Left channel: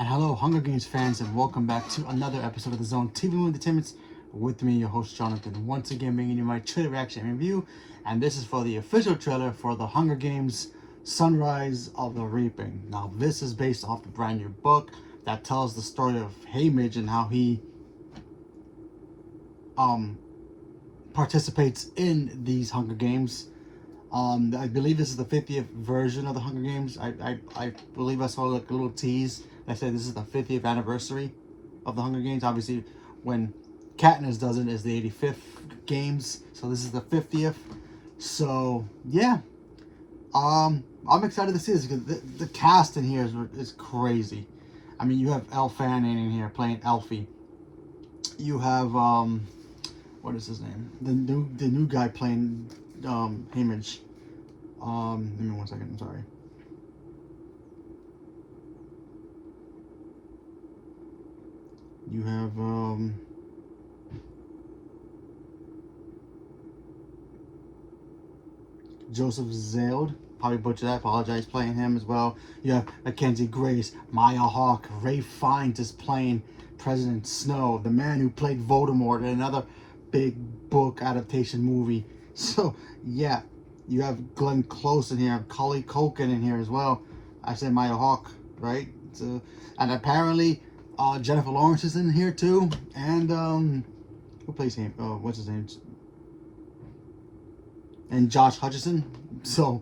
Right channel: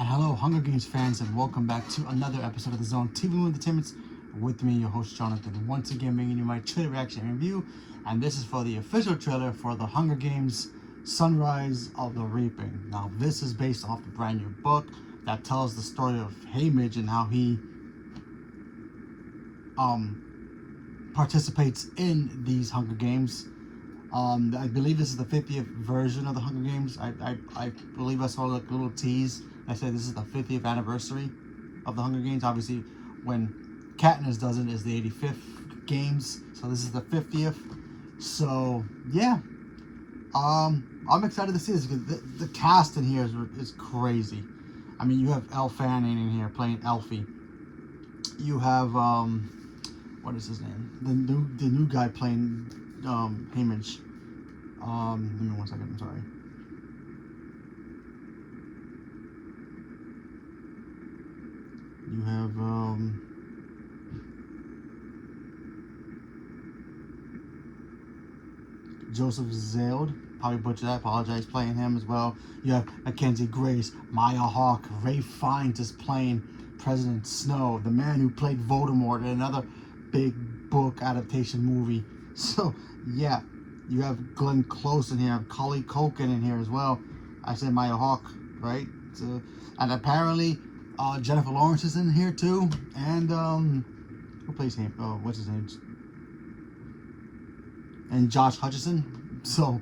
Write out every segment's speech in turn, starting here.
And hello, Hunger Games fans, and welcome back to another episode of the Zone TV Entertainment. With me, your host Jonathan, once again bringing you my trailer reaction review. And this is for the official trailer for the Hunger Games Sunrise of the Reaping. Now, this is based off the brand new book that tells the story of Haymitch and how he participates in these Hunger Games. I believe this is the 50th version of the Hunger Games. I believe I saw like a little tease that said this is the 50th anniversary of the Hunger Games. Obviously, when Katniss does it, it's the 85th games, so this is the 50th. So yeah, I'm excited to see this because the cast in here is crazy. I mean, you have Elle Fanning in here playing Elfie. You have what is his name? The new guy playing Haymitch. Give me 1 second. I'm sorry. You have Joseph Zeld, probably butchered that, apologize, playing him as well. You have Mackenzie Grace, Maya Hawke, Ralph Fiennes is playing President Snow, the man who played Voldemort in another big book adaptation movie. So yeah, you have Glenn Close in here, Macaulay Culkin in here as well. I said Maya Hawke, right? So, and apparently Jennifer Lawrence is in here too, and who plays him? Oh, what's his name? And Josh Hutcherson. So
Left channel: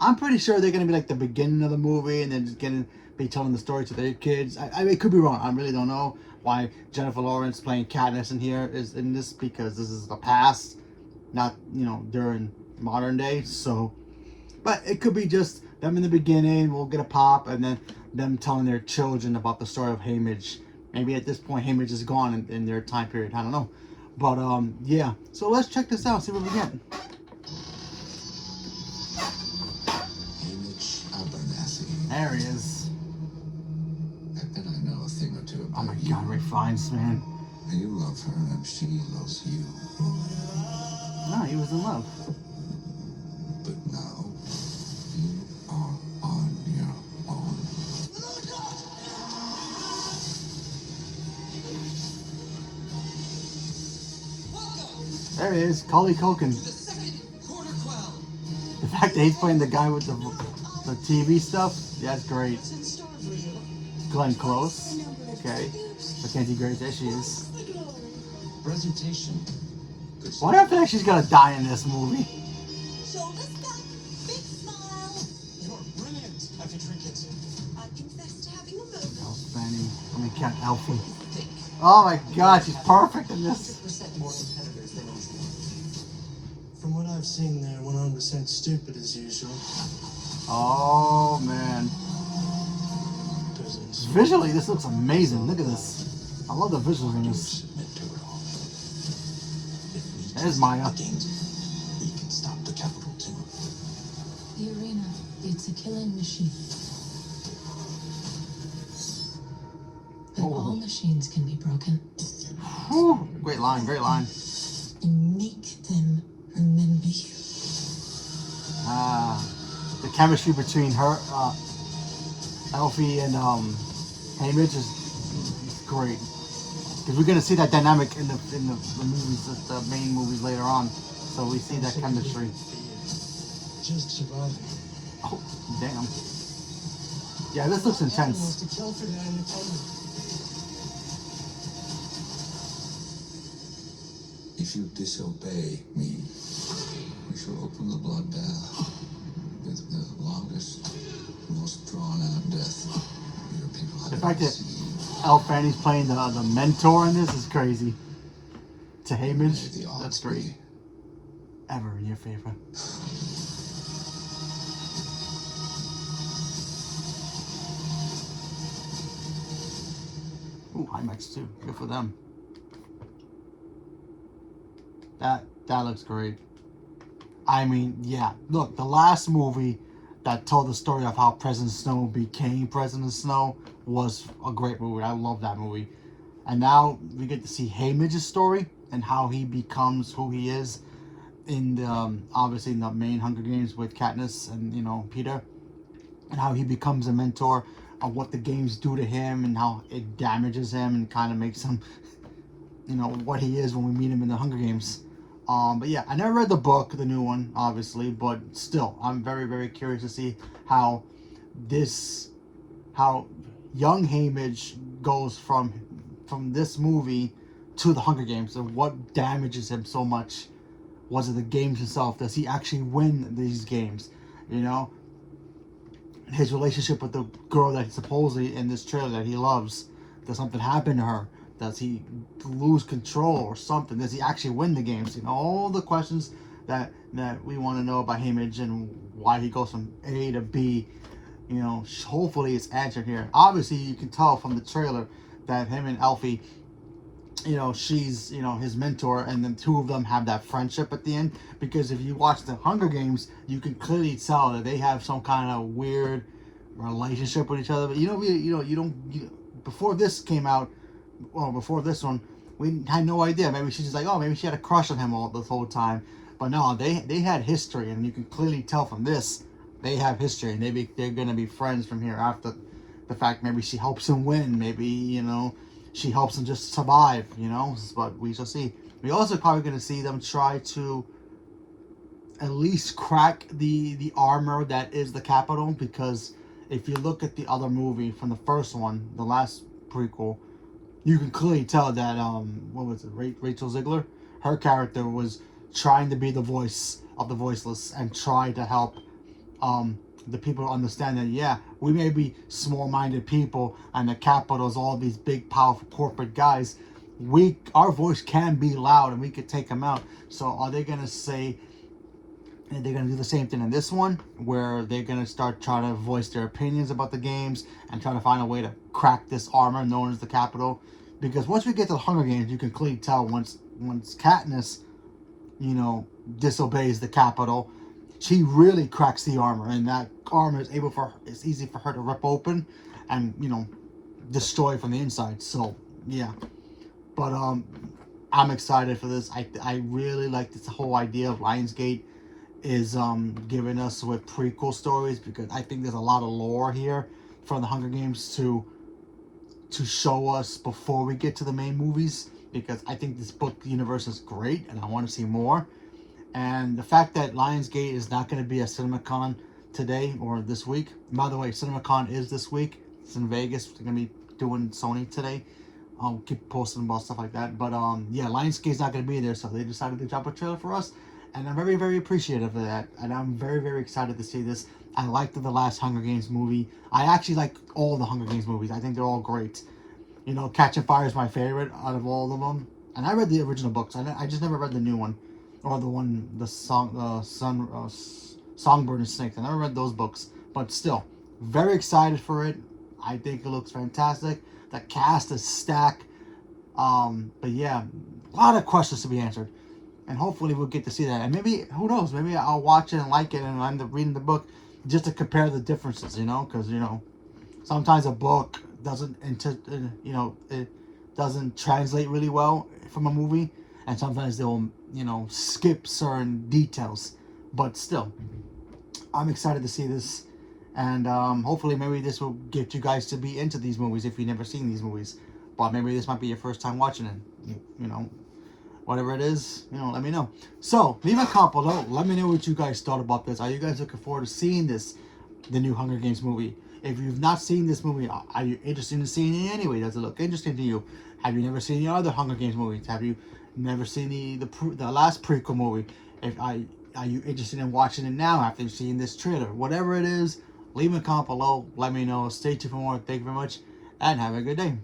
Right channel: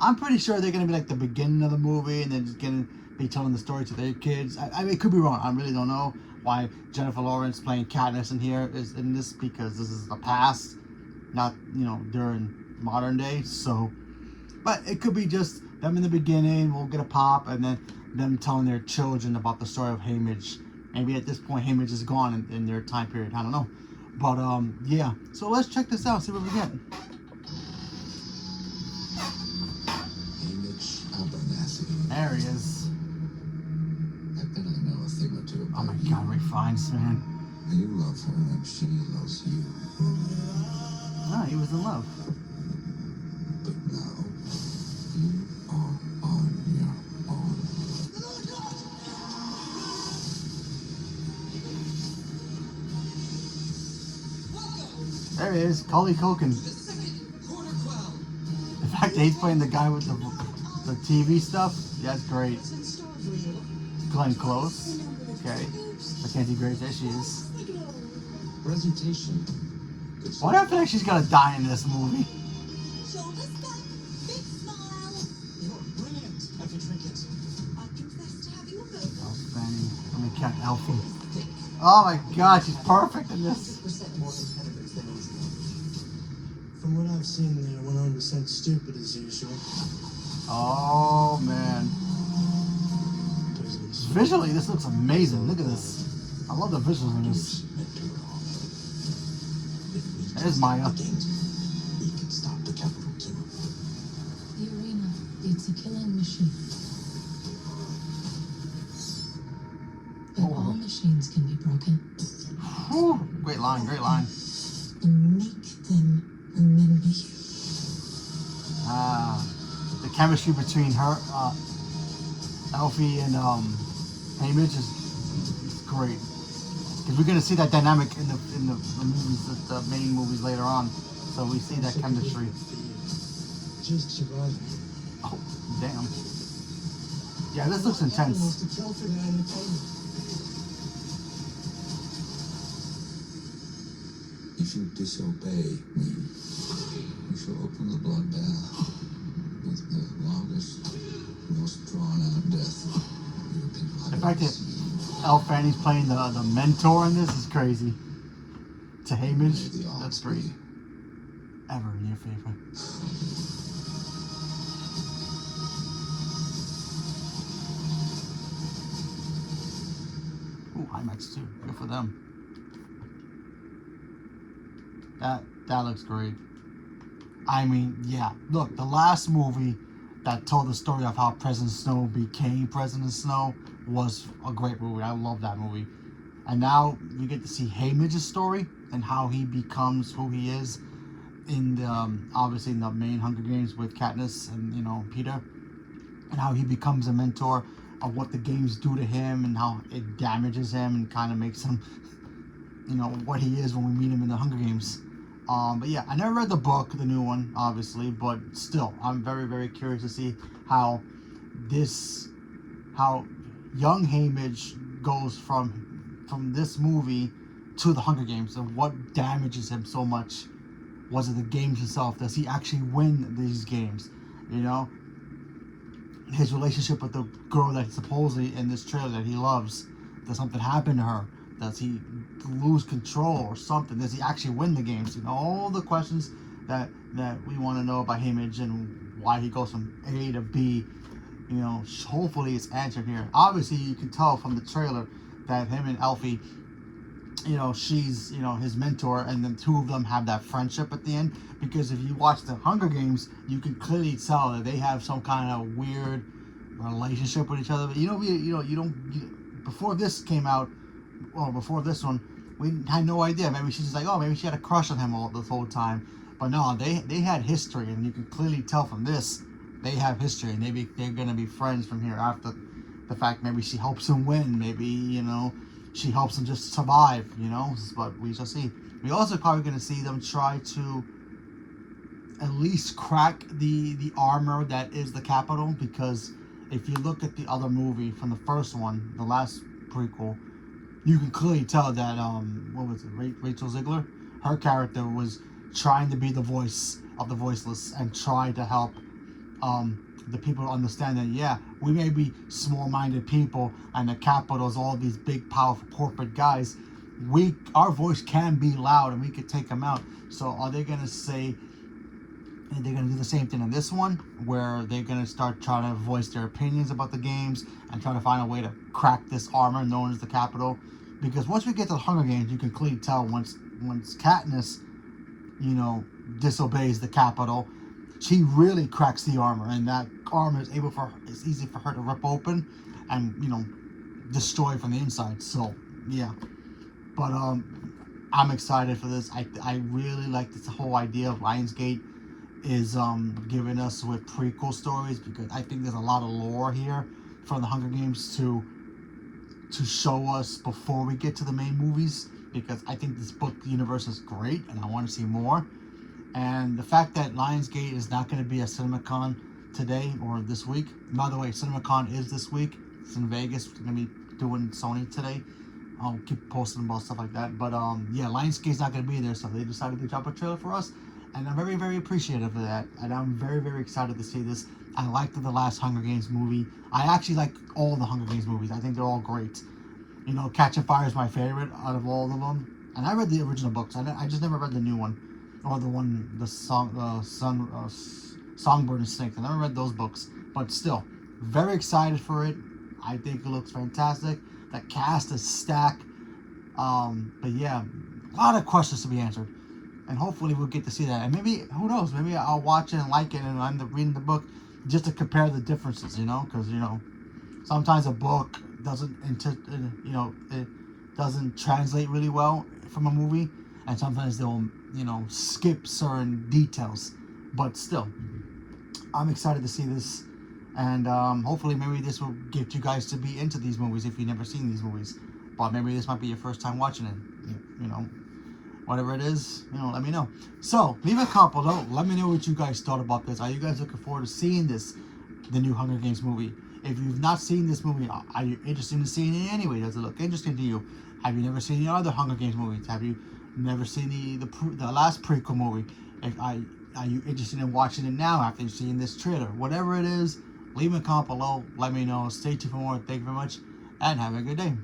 I'm pretty sure they're gonna be like the beginning of the movie, and then just gonna be telling the story to their kids. I mean, it could be wrong. I really don't know why Jennifer Lawrence playing Katniss in here is in this, because this is the past, not during modern day. So, but it could be just them in the beginning. We'll get a pop, and then them telling their children about the story of Haymitch. Maybe at this point Haymitch is gone in their time period. I don't know, but yeah. So let's check this out. See what we get. There he is. I bet I know a thing or two about Oh my God, Ralph Fiennes, man. You love her and she loves you. No, he was in love. But now, you are on your own. There he is, Macaulay Culkin. The fact that he's playing the guy with the TV stuff, that's great. Glenn Close, okay. Mackenzie Grace, there she is. Presentation. Why I feel like she's gonna die in this movie? Shoulders back, big smile. You're brilliant at intricate. I confess to having a good Oh, Fanny. I mean, Cat Elfie. Oh my God, she's perfect in this. 100% more competitors than usual. From what I've seen, they're 100% stupid as usual. Oh man. Doesn't Visually, this looks amazing. Look at this. I love the visuals in this. Submit to her. There's Maya. We can stop the capital too. The arena, it's a killing machine. But Oh. all machines can be broken. Whew. Great line, great line. And make them remember you. The chemistry between her, Elfie and Haymitch is great. Because we're gonna see that dynamic in the movies, the main movies later on. So we see that chemistry. just surviving. Oh, damn. Yeah, this looks intense. Was to kill for the entertainment. If you disobey me, we shall open the blood bath with the longest, most drawn-out death your people have The fact ever that seen. Elle Fanning's playing the mentor in this is crazy. To May Haymitch, the odds that's great. be. Ever in your favor. Ooh, IMAX too. Good for them. That looks great. I mean, yeah. Look, the last movie that told the story of how President Snow became President Snow was a great movie. I love that movie. And now we get to see Haymitch's story and how he becomes who he is in the obviously in the main Hunger Games with Katniss and Peter, and how he becomes a mentor of what the games do to him and how it damages him and kind of makes him, what he is when we meet him in the Hunger Games. But yeah, I never read the book, the new one, obviously, but still, I'm very, very curious to see how young Haymitch goes from this movie to the Hunger Games, and what damages him so much. Was it the games itself? Does he actually win these games? His relationship with the girl that supposedly in this trailer that he loves. Does something happen to her? Does he lose control or something? Does he actually win the games? All the questions that we want to know about Haymitch and why he goes from A to B. Hopefully it's answered here. Obviously, you can tell from the trailer that him and Elfie, she's, his mentor, and the two of them have that friendship at the end. Because if you watch the Hunger Games, you can clearly tell that they have some kind of weird relationship with each other. But you don't. Before this came out, well, before this one, we had no idea. Maybe she's just like, maybe she had a crush on him this whole time. But no, they had history, and you can clearly tell from this they have history, and they're gonna be friends from here after the fact. Maybe she helps him win. Maybe she helps him just survive. But we shall see. We also probably gonna see them try to at least crack the armor that is the Capitol, because if you look at the other movie from the first one, the last prequel, you can clearly tell that what was it, Rachel Ziegler, her character was trying to be the voice of the voiceless and try to help the people understand that we may be small-minded people and the Capitol's all these big powerful corporate guys. Our voice can be loud and we could take them out. So are they gonna say? And they're going to do the same thing in this one, where they're going to start trying to voice their opinions about the games and try to find a way to crack this armor known as the Capitol. Because once we get to the Hunger Games, you can clearly tell once Katniss, disobeys the Capitol, she really cracks the armor, and that armor it's easy for her to rip open and destroy from the inside. So yeah, but I'm excited for this. I really like this whole idea of Lionsgate is giving us with prequel stories, because I think there's a lot of lore here for the Hunger Games to show us before we get to the main movies, because I think this book universe is great and I want to see more. And the fact that Lionsgate is not going to be at CinemaCon today or this week. By the way, CinemaCon is this week. It's in Vegas. We're going to be doing Sony today. I'll keep posting about stuff like that. But Lionsgate's not going to be there, so they decided to drop a trailer for us. And I'm very, very appreciative of that. And I'm very, very excited to see this. I liked the last Hunger Games movie. I actually like all the Hunger Games movies. I think they're all great. Catching Fire is my favorite out of all of them. And I read the original books. I just never read the new one. Or the Songbird and Snakes. I never read those books. But still, very excited for it. I think it looks fantastic. The cast is stacked. But yeah, a lot of questions to be answered. And hopefully we'll get to see that. And maybe, who knows, maybe I'll watch it and like it and end up reading the book just to compare the differences, because, sometimes a book doesn't, it doesn't translate really well from a movie. And sometimes they'll, skip certain details. But still, I'm excited to see this. And hopefully maybe this will get you guys to be into these movies if you've never seen these movies. But maybe this might be your first time watching it, Whatever it is, let me know. So, leave a comment below. Let me know what you guys thought about this. Are you guys looking forward to seeing the new Hunger Games movie? If you've not seen this movie, are you interested in seeing it anyway? Does it look interesting to you? Have you never seen the other Hunger Games movies? Have you never seen the last prequel movie? Are you interested in watching it now after you've seen this trailer? Whatever it is, leave a comment below. Let me know. Stay tuned for more. Thank you very much, and have a good day.